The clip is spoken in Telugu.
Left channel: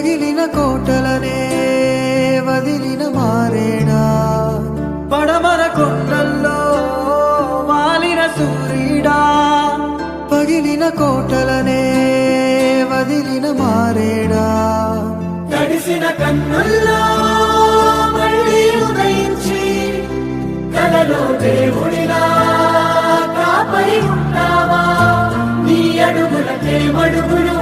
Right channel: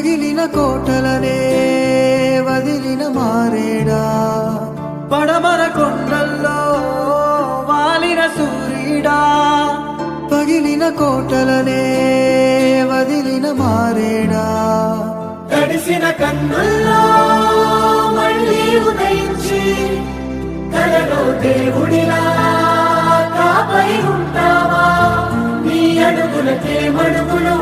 పగిలిన కోటలనే వదిలిన మారేడా, పడమర కొండల్లో వాలిన సూర్యుడా. పగిలిన కోటలనే వదిలిన మారేడా, తడిసిన కన్నుల్లో మళ్ళీ ఉదయించి కలలో దేవుడిలా కాపరి ఉంటావా? నీ అడుగులకే మడుగులు